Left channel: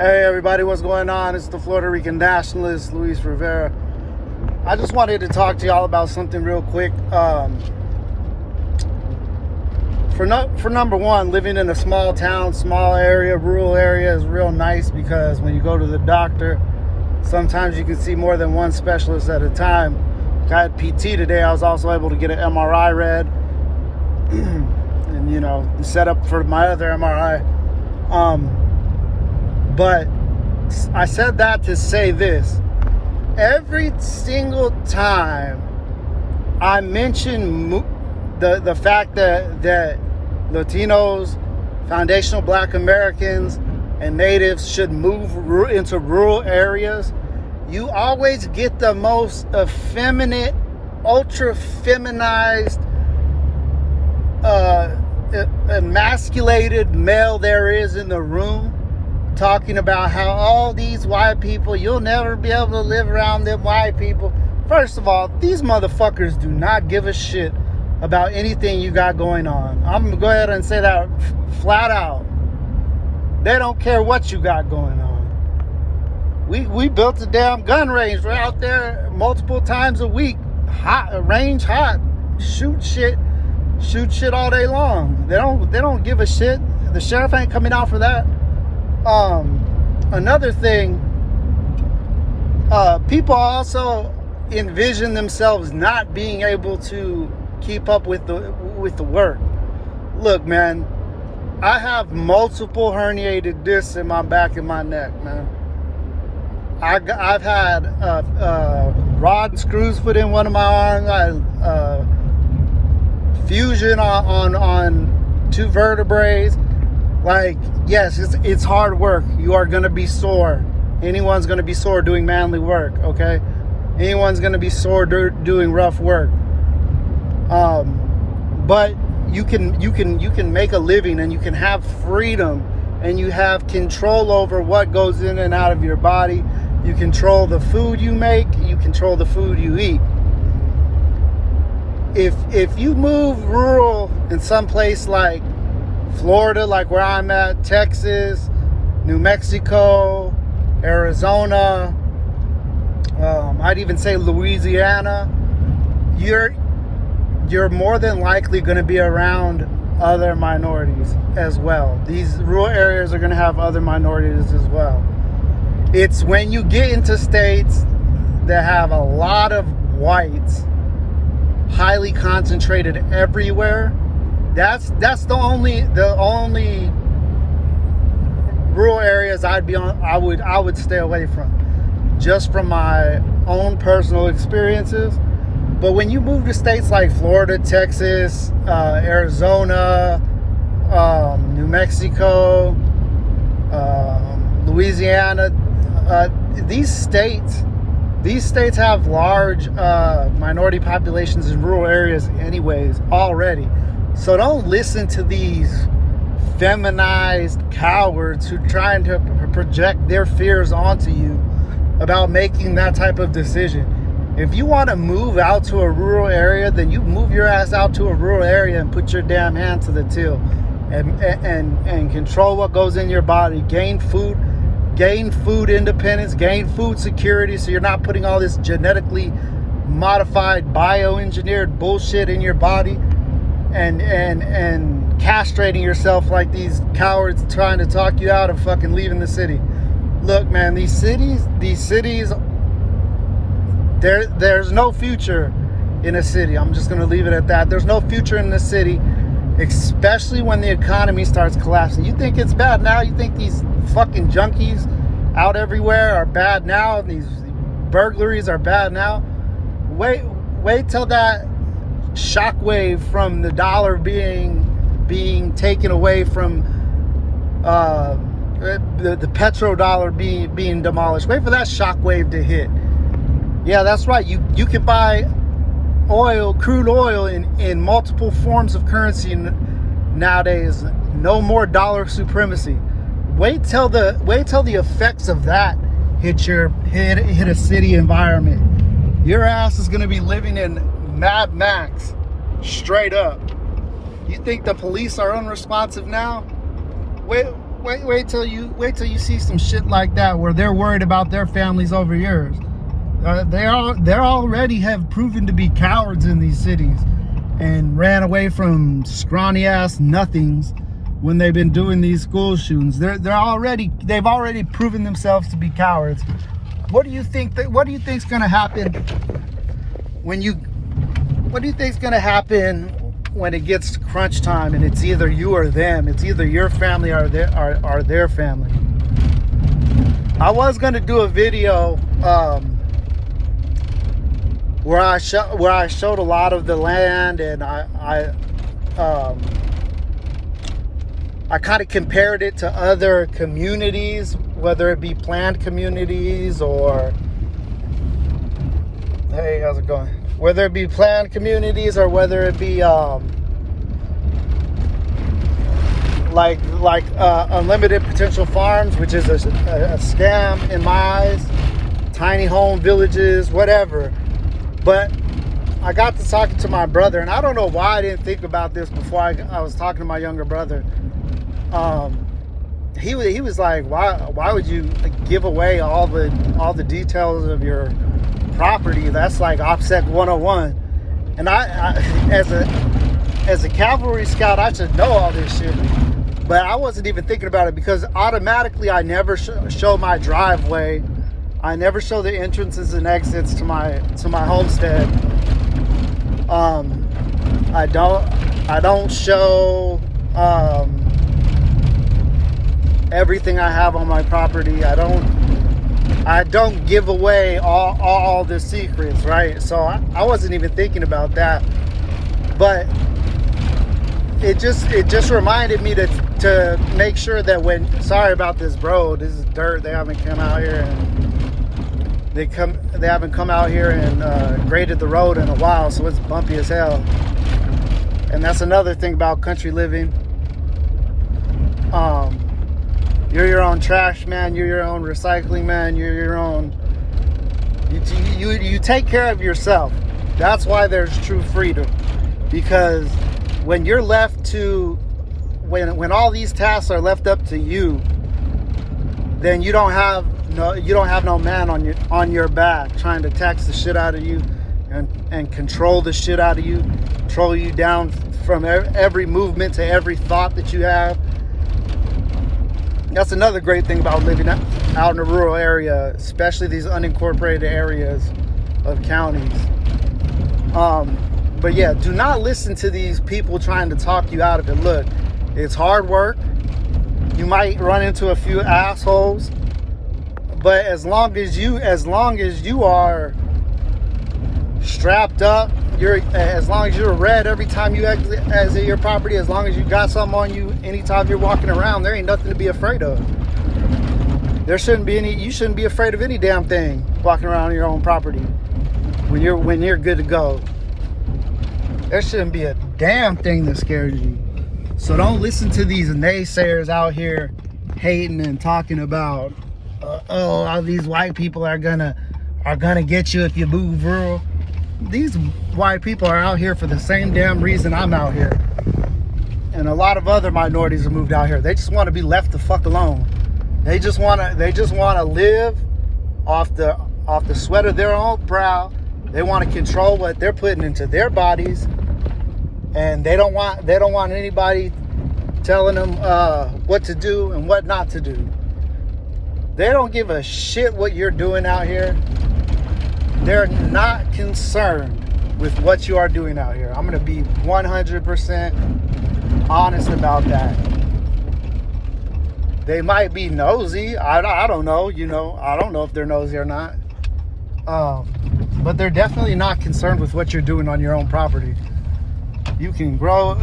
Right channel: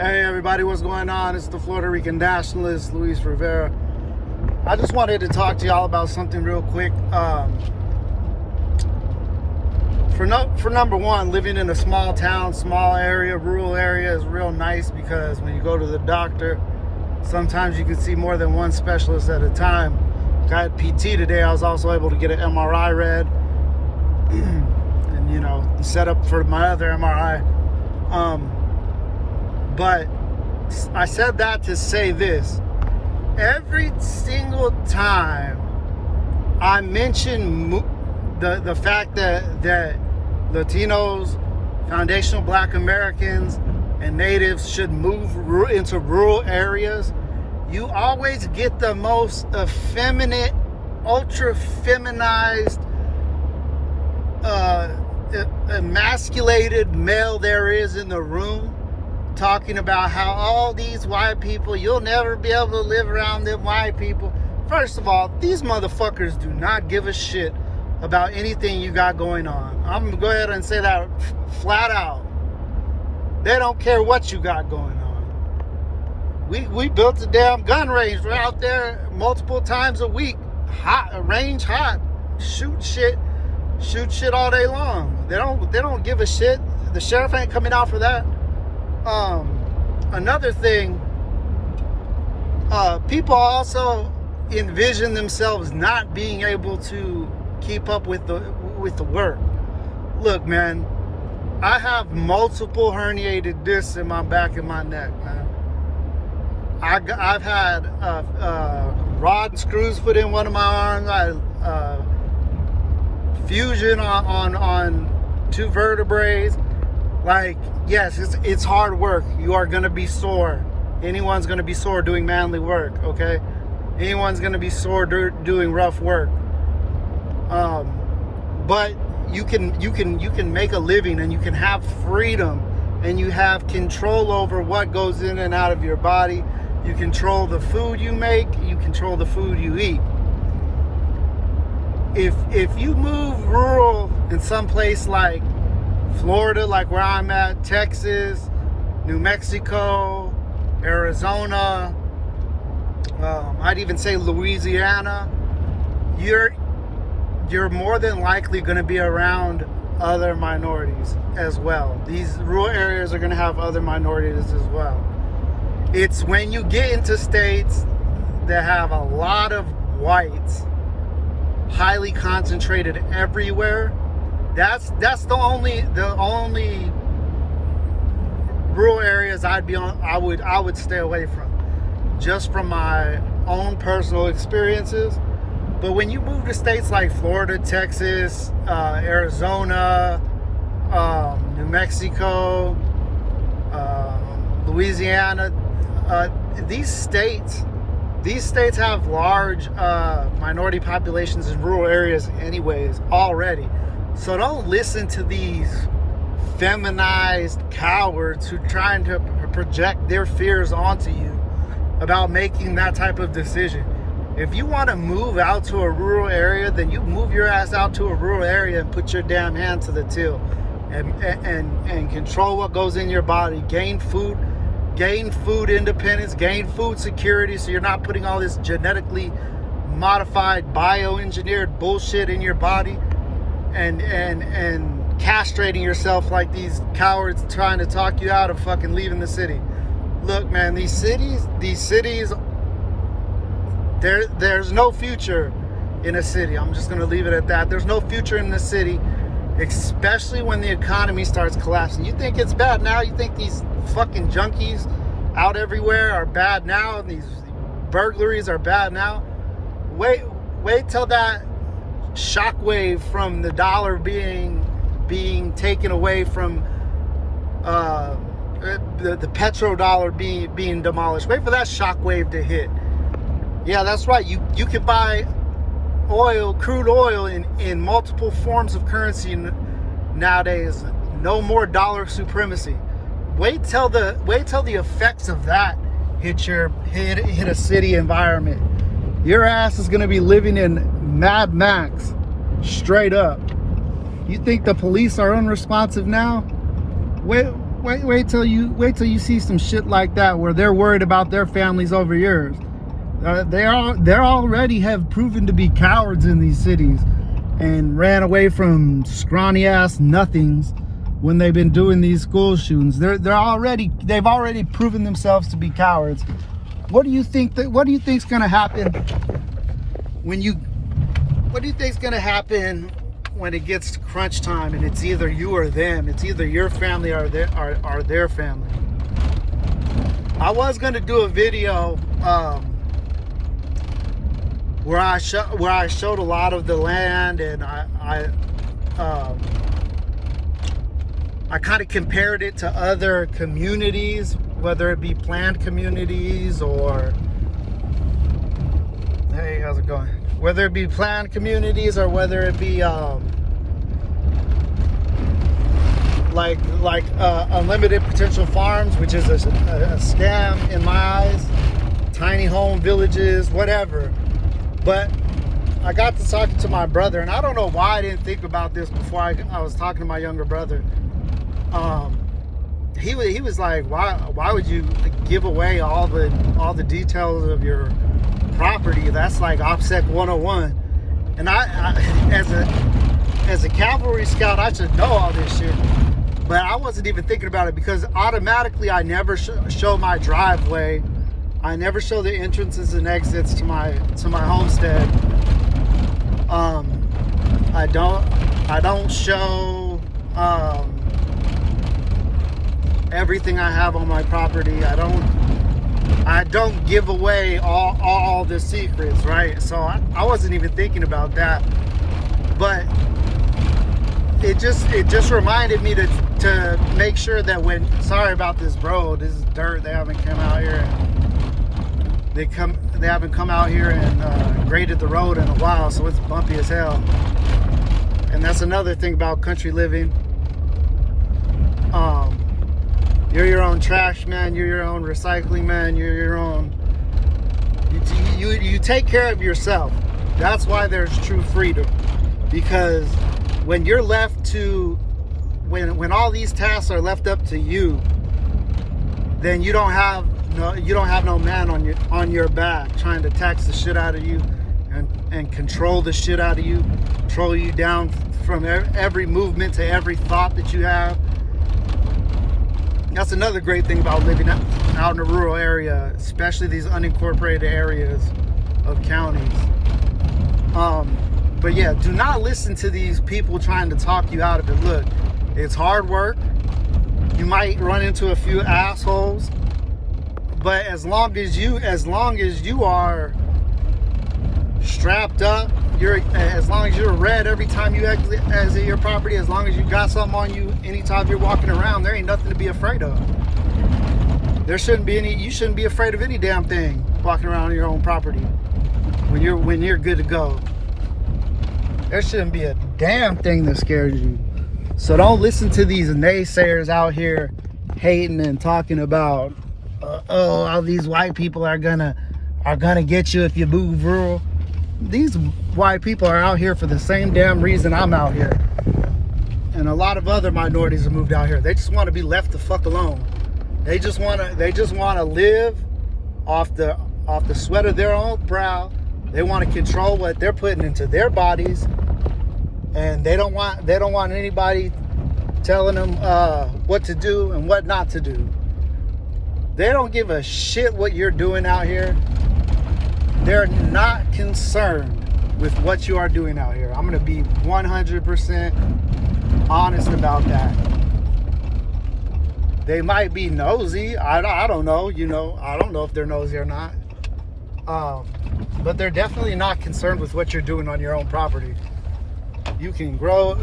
Hey everybody, what's going on? It's the Florida Rican nationalist, Luis Rivera. I just wanted to talk to y'all about something real quick. For number one, living in a small town, small area, rural area is real nice because when you go to the doctor, sometimes you can see more than one specialist at a time. I had PT today. I was also able to get an MRI read and, you know, set up for my other MRI. But I said that to say this. Every single time I mention the fact that Latinos, foundational Black Americans, and natives should move into rural areas, you always get the most effeminate, ultra feminized, emasculated male there is in the room, talking about how all these white people, you'll never be able to live around them white people. First of all, these motherfuckers do not give a shit about anything you got going on. I'm gonna go ahead and say that flat out. They don't care what you got going on. We built a damn gun range right out there multiple times a week. Range hot. Shoot shit all day long. They don't give a shit. The sheriff ain't coming out for that. Another thing, people also envision themselves not being able to keep up with the work. Look, man, I have multiple herniated discs in my back and my neck, man. I've had rod and screws put in one of my arms. Fusion on two vertebrae. Like, yes, it's hard work. You are going to be sore. Anyone's going to be sore doing manly work, okay? Anyone's going to be sore doing rough work. But you can make a living, and you can have freedom, and you have control over what goes in and out of your body. You control the food you make. You control the food you eat. If you move rural in some place like Florida, like where I'm at, Texas, New Mexico, Arizona, I'd even say Louisiana, you're more than likely going to be around other minorities as well. These rural areas are going to have other minorities as well. It's when you get into states that have a lot of whites, highly concentrated everywhere. That's the only rural areas I would stay away from, just from my own personal experiences. But when you move to states like Florida, Texas, Arizona, New Mexico, Louisiana, these states have large minority populations in rural areas anyways already. So don't listen to these feminized cowards who are trying to project their fears onto you about making that type of decision. If you want to move out to a rural area, then you move your ass out to a rural area and put your damn hand to the till and control what goes in your body. Gain food independence, gain food security, so you're not putting all this genetically modified, bioengineered bullshit in your body and castrating yourself like these cowards trying to talk you out of fucking leaving the city. Look, man, these cities, there's no future in a city. I'm just going to leave it at that. There's no future in the city, especially when the economy starts collapsing. You think it's bad now? You think these fucking junkies out everywhere are bad now? And these burglaries are bad now? Wait till that shockwave from the dollar being taken away from the petrodollar being demolished. Wait for that shockwave to hit. Yeah, that's right. You can buy crude oil in multiple forms of currency nowadays. No more dollar supremacy. Wait till the effects of that hit a city environment. Your ass is gonna be living in Mad Max, straight up. You think the police are unresponsive now? wait till you see some shit like that where they're worried about their families over yours. They already have proven to be cowards in these cities and ran away from scrawny ass nothings when they've been doing these school shootings. They've already proven themselves to be cowards. What do you think's gonna happen when it gets to crunch time and it's either you or them? It's either your family or their family. I was gonna do a video where I showed a lot of the land, and I kind of compared it to other communities, whether it be planned communities or, hey, how's it going? Whether it be planned communities or whether it be like unlimited potential farms, which is a scam in my eyes, tiny home villages, whatever. But I got to talking to my brother, and I don't know why I didn't think about this before I was talking to my younger brother. He was like, why would you give away all the details of your property? That's like OpSec 101. And I as a cavalry scout, I should know all this shit. But I wasn't even thinking about it because automatically I never show my driveway. I never show the entrances and exits to my homestead. I don't show everything I have on my property. I don't give away all the secrets, right? So I wasn't even thinking about that. But it just reminded me to make sure that sorry about this, bro. This is dirt. They haven't come out here and they haven't come out here and graded the road in a while, so it's bumpy as hell. And that's another thing about country living. You're your own trash man. You're your own recycling man. You're your own. You take care of yourself. That's why there's true freedom. Because when you're left to, when all these tasks are left up to you, then you don't have no man on your back trying to tax the shit out of you and control the shit out of you, control you down from every movement to every thought that you have. That's another great thing about living out in a rural area, especially these unincorporated areas of counties. But yeah, do not listen to these people trying to talk you out of it. Look, it's hard work. You might run into a few assholes, but as long as you are strapped up, as long as you're red every time you exit your property, as long as you got something on you anytime you're walking around, there ain't nothing to be afraid of. You shouldn't be afraid of any damn thing walking around your own property when you're good to go. There shouldn't be a damn thing that scares you. So don't listen to these naysayers out here hating and talking about all these white people are gonna get you if you move rural. These white people are out here for the same damn reason I'm out here. And a lot of other minorities have moved out here. They just want to be left the fuck alone. They just want to live off the sweat of their own brow. They want to control what they're putting into their bodies, and they don't want anybody telling them what to do and what not to do. They don't give a shit what you're doing out here. They're not concerned with what you are doing out here. I'm going to be 100% honest about that. They might be nosy. I don't know. I don't know if they're nosy or not. But they're definitely not concerned with what you're doing on your own property. You can grow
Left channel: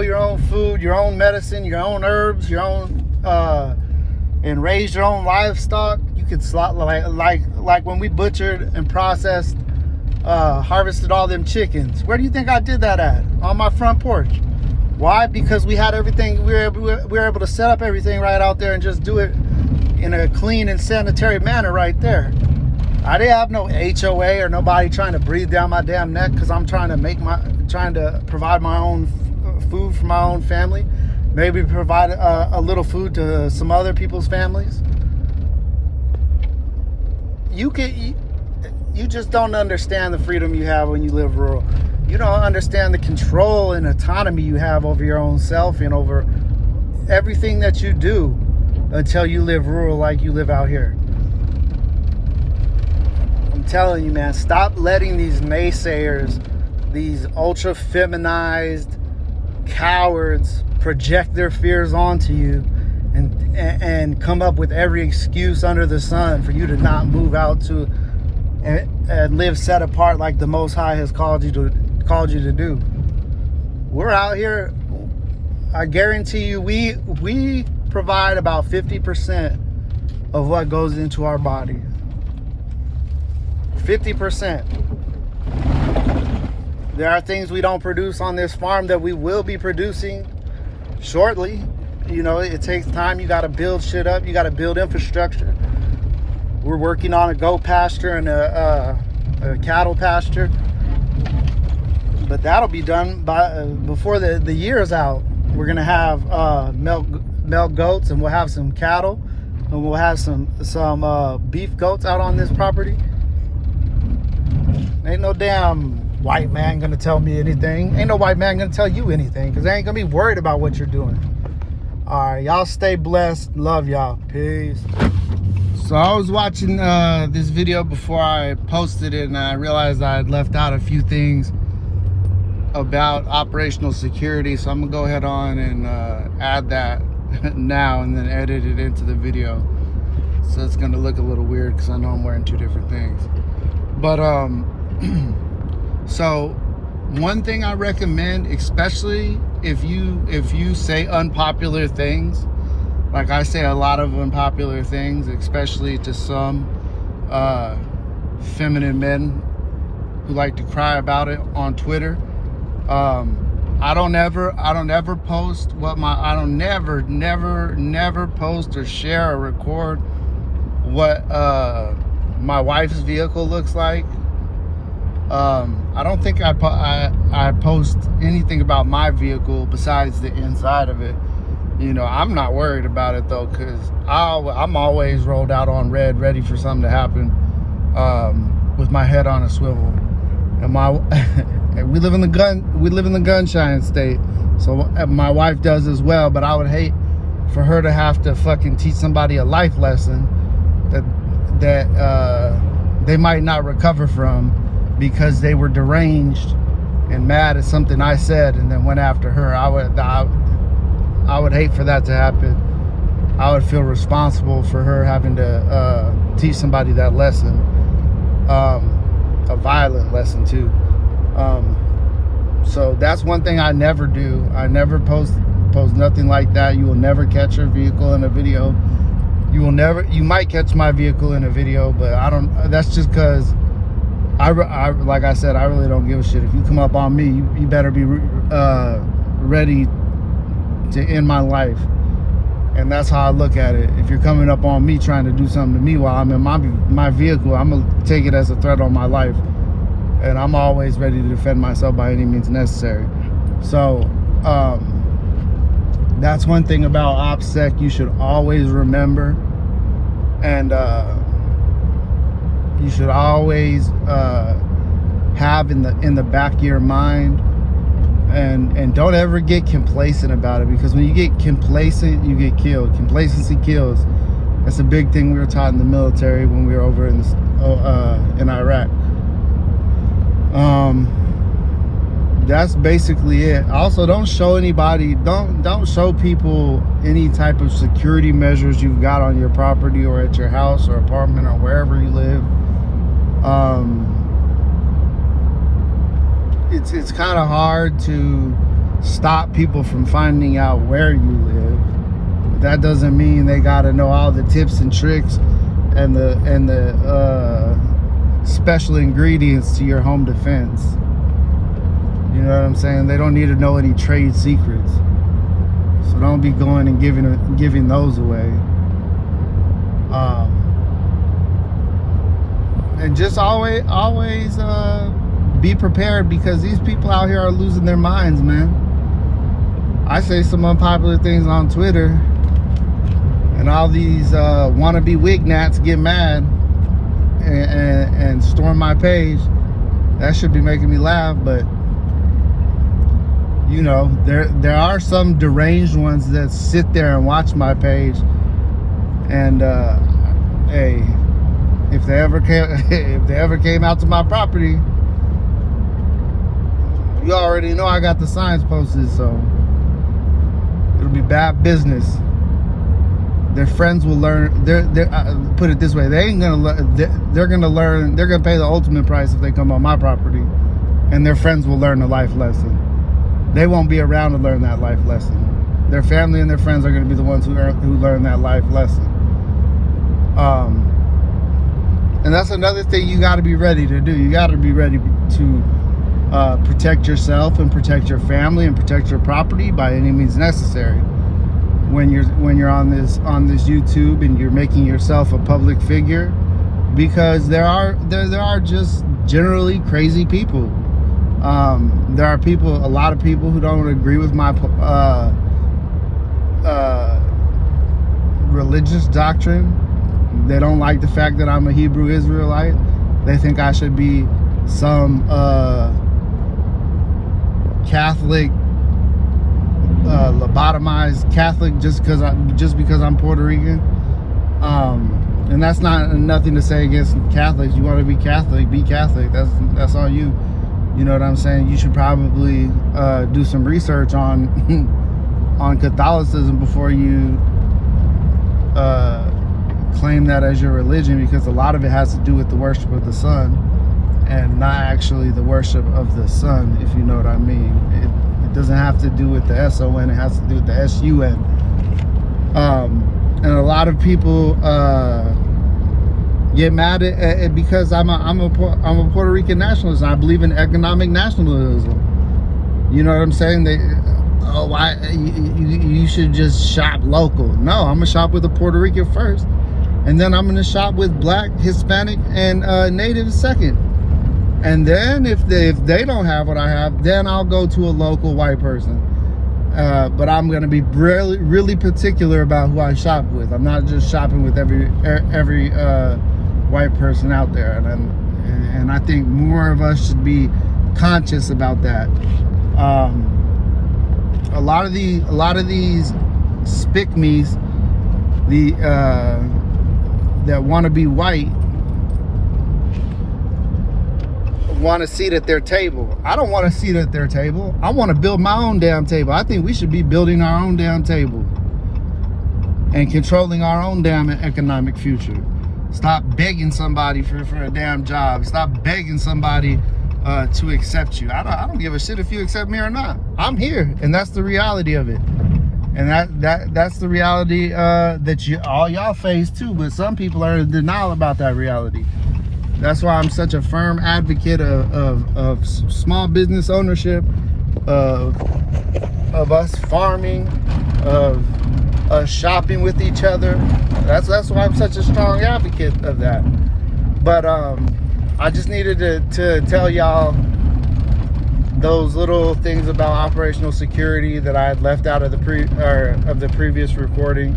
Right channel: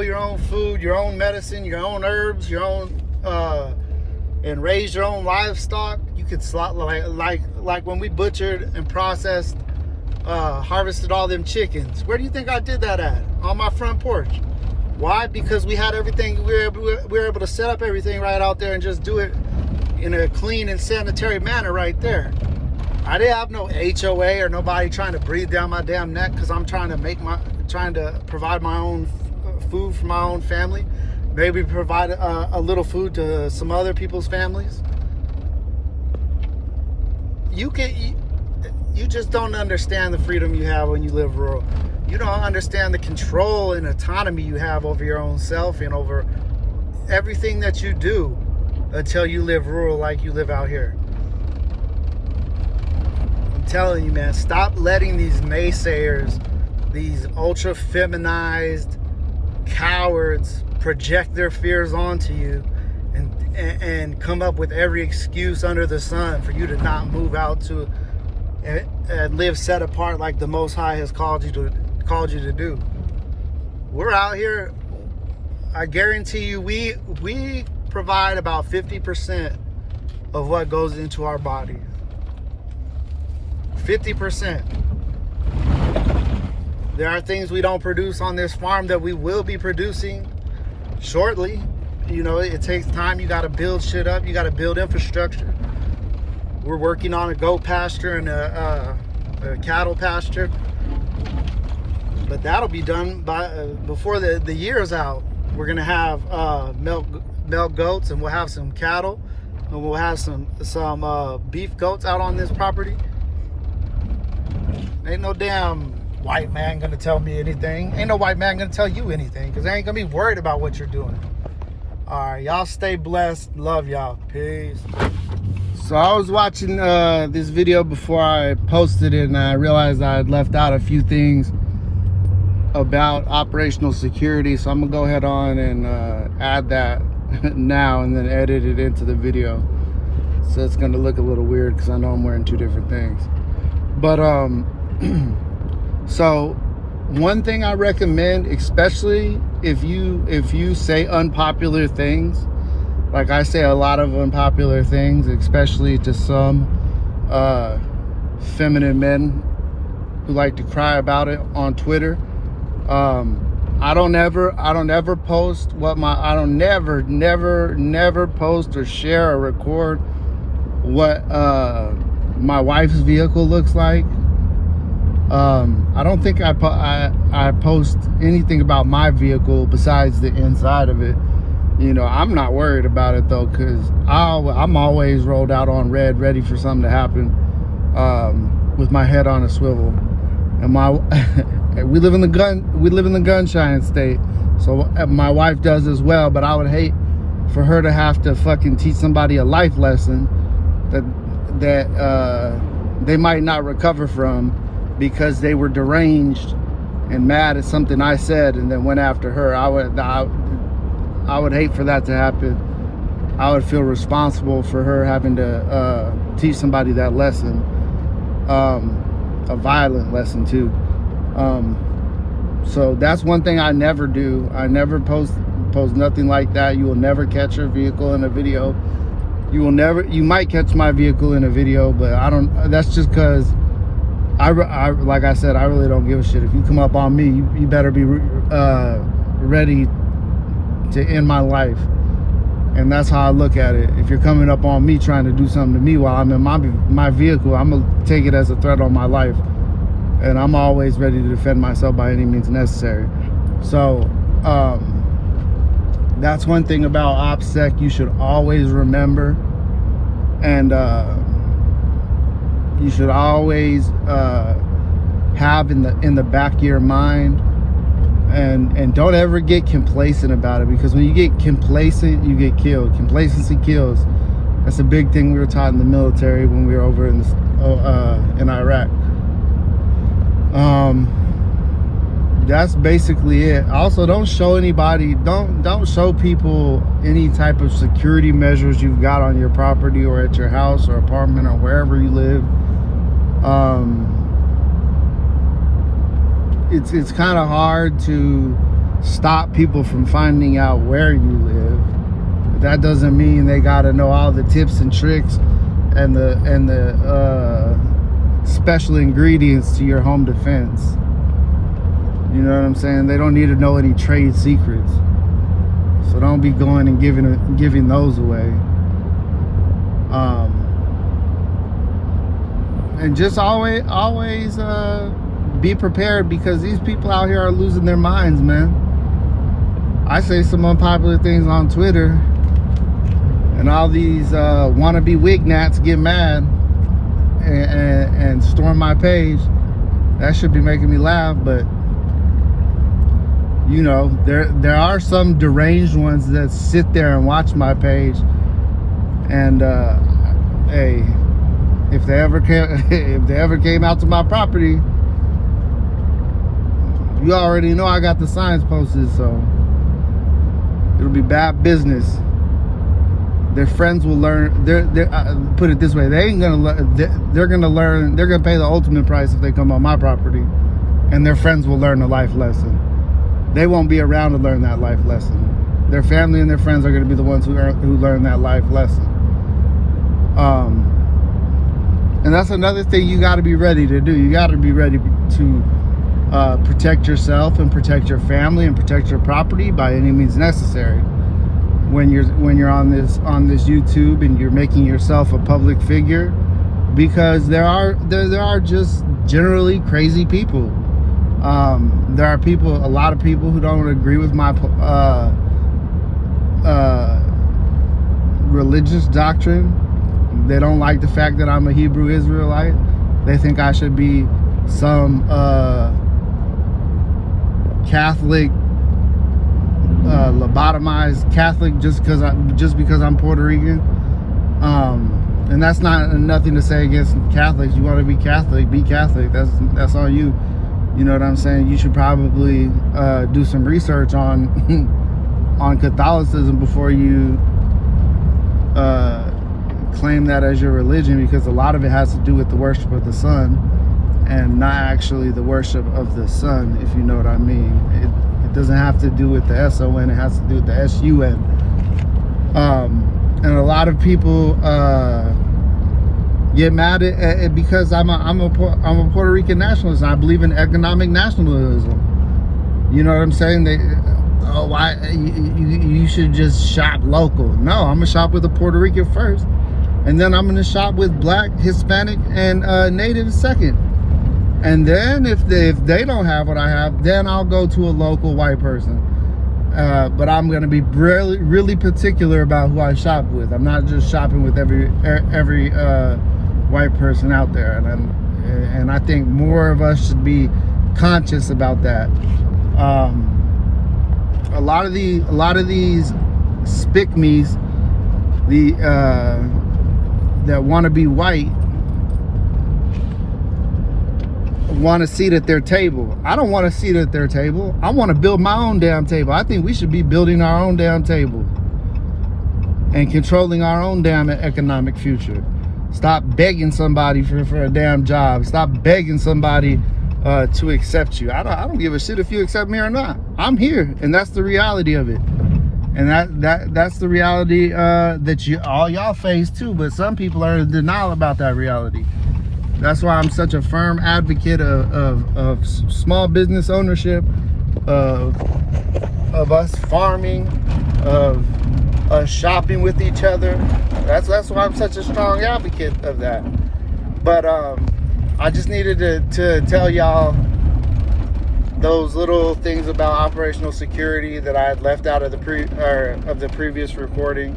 your own food, your own medicine, your own herbs, your own and raise your own livestock. You could like when we butchered and processed, harvested all them chickens. Where do you think I did that at? On my front porch. Why? Because we had everything. We were able to set up everything right out there and just do it in a clean and sanitary manner right there. I didn't have no HOA or nobody trying to breathe down my damn neck because I'm trying to provide my own food for my own family. maybe provide a little food to some other people's families. You just don't understand the freedom you have when you live rural. You don't understand the control and autonomy you have over your own self and over everything that you do until you live rural like you live out here. I'm telling you, man, stop letting these naysayers, these ultra feminized cowards project their fears onto you and come up with every excuse under the sun for you to not move out to and live set apart like the Most High has called you to do. We're out here. I guarantee you, we provide about 50% of what goes into our bodies. 50%. There are things we don't produce on this farm that we will be producing shortly. You know, it takes time. You got to build shit up. You got to build infrastructure. We're working on a goat pasture and a cattle pasture, but that'll be done before the year is out. We're gonna have milk goats, and we'll have some cattle, and we'll have some beef goats out on this property. Ain't no damn white man gonna tell me anything. Ain't no white man gonna tell you anything, because they ain't gonna be worried about what you're doing. All right, y'all stay blessed. Love y'all. Peace. So I was watching this video before I posted it, and I realized I had left out a few things about operational security. So I'm gonna go ahead on and add that now and then edit it into the video. So it's gonna look a little weird because I know I'm wearing two different things. But so one thing I recommend, especially if you say unpopular things, like I say a lot of unpopular things, especially to some feminine men who like to cry about it on Twitter. I don't ever post never post or share or record what my wife's vehicle looks like. I don't think I post anything about my vehicle besides the inside of it. You know, I'm not worried about it though, because I'm always rolled out on red, ready for something to happen, with my head on a swivel. And we live in the gunshine state, so my wife does as well. But I would hate for her to have to fucking teach somebody a life lesson that they might not recover from because they were deranged and mad at something I said and then went after her. I would hate for that to happen. I would feel responsible for her having to teach somebody that lesson, a violent lesson too. So that's one thing I never do. I never post nothing like that. You will never catch your vehicle in a video. You might catch my vehicle in a video, but that's just because like I said, I really don't give a shit. If you come up on me, you better be ready to end my life. And that's how I look at it. If you're coming up on me trying to do something to me while I'm in my vehicle, I'm gonna take it as a threat on my life. And I'm always ready to defend myself by any means necessary. So that's one thing about OpSec you should always remember, and you should always have in the back of your mind. And don't ever get complacent about it, because when you get complacent, you get killed. Complacency kills. That's a big thing we were taught in the military when we were over in Iraq. That's basically it. Also, don't show anybody, don't show people any type of security measures you've got on your property or at your house or apartment or wherever you live. It's kind of hard to stop people from finding out where you live. But that doesn't mean they got to know all the tips and tricks and the special ingredients to your home defense. You know what I'm saying? They don't need to know any trade secrets. So don't be going and giving those away. And just always be prepared, because these people out here are losing their minds, man. I say some unpopular things on Twitter, and all these wannabe wignats get mad and storm my page. That should be making me laugh, but you know, there are some deranged ones that sit there and watch my page, and hey, if they ever came out to my property, you already know I got the signs posted, so it'll be bad business. Their friends will learn. Put it this way: they ain't gonna. They're gonna learn. They're gonna pay the ultimate price if they come on my property, and their friends will learn a life lesson. They won't be around to learn that life lesson. Their family and their friends are gonna be the ones who learn that life lesson. And that's another thing you got to be ready to do. You got to be ready to protect yourself and protect your family and protect your property by any means necessary. When you're on this YouTube and you're making yourself a public figure, because there are just generally crazy people. There are a lot of people who don't agree with my religious doctrine. They don't like the fact that I'm a Hebrew Israelite. They think I should be some Catholic, lobotomized Catholic just because I'm Puerto Rican. And that's nothing to say against Catholics. You want to be Catholic, be Catholic. That's on you. You know what I'm saying? You should probably do some research on on Catholicism before you claim that as your religion, because a lot of it has to do with the worship of the sun and not actually the worship of the sun, if you know what I mean. It doesn't have to do with the S-O-N, it has to do with the S-U-N. And a lot of people get mad at because I'm a Puerto Rican nationalist. I believe in economic nationalism. You know what I'm saying? You should just shop local. No, I'm gonna shop with a Puerto Rican first, and then I'm gonna shop with Black, Hispanic, and Native second. And then if they don't have what I have, then I'll go to a local white person. But I'm gonna be really particular about who I shop with. I'm not just shopping with every white person out there, and I think more of us should be conscious about that. A lot of these spick-me's, that want to be white, want a seat at their table. I don't want a seat at their table. I want to build my own damn table. I think we should be building our own damn table and controlling our own damn economic future. Stop begging somebody for a damn job. Stop begging somebody to accept you. I don't give a shit if you accept me or not. I'm here, and that's the reality of it. And that's the reality that all y'all face too. But some people are in denial about that reality. That's why I'm such a firm advocate of small business ownership, of us farming, of us shopping with each other. That's why I'm such a strong advocate of that. But I just needed to tell y'all those little things about operational security that I had left out of the previous recording.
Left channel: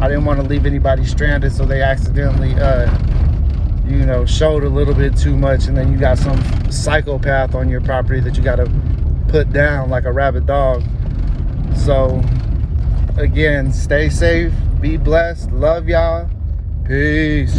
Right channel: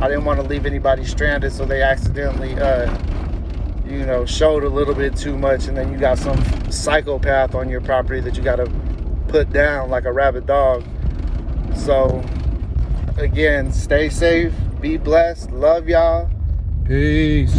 I didn't want to leave anybody stranded, so they accidentally showed a little bit too much, and then you got some psychopath on your property that you got to put down like a rabid dog. So again, stay safe, be blessed, love y'all, peace.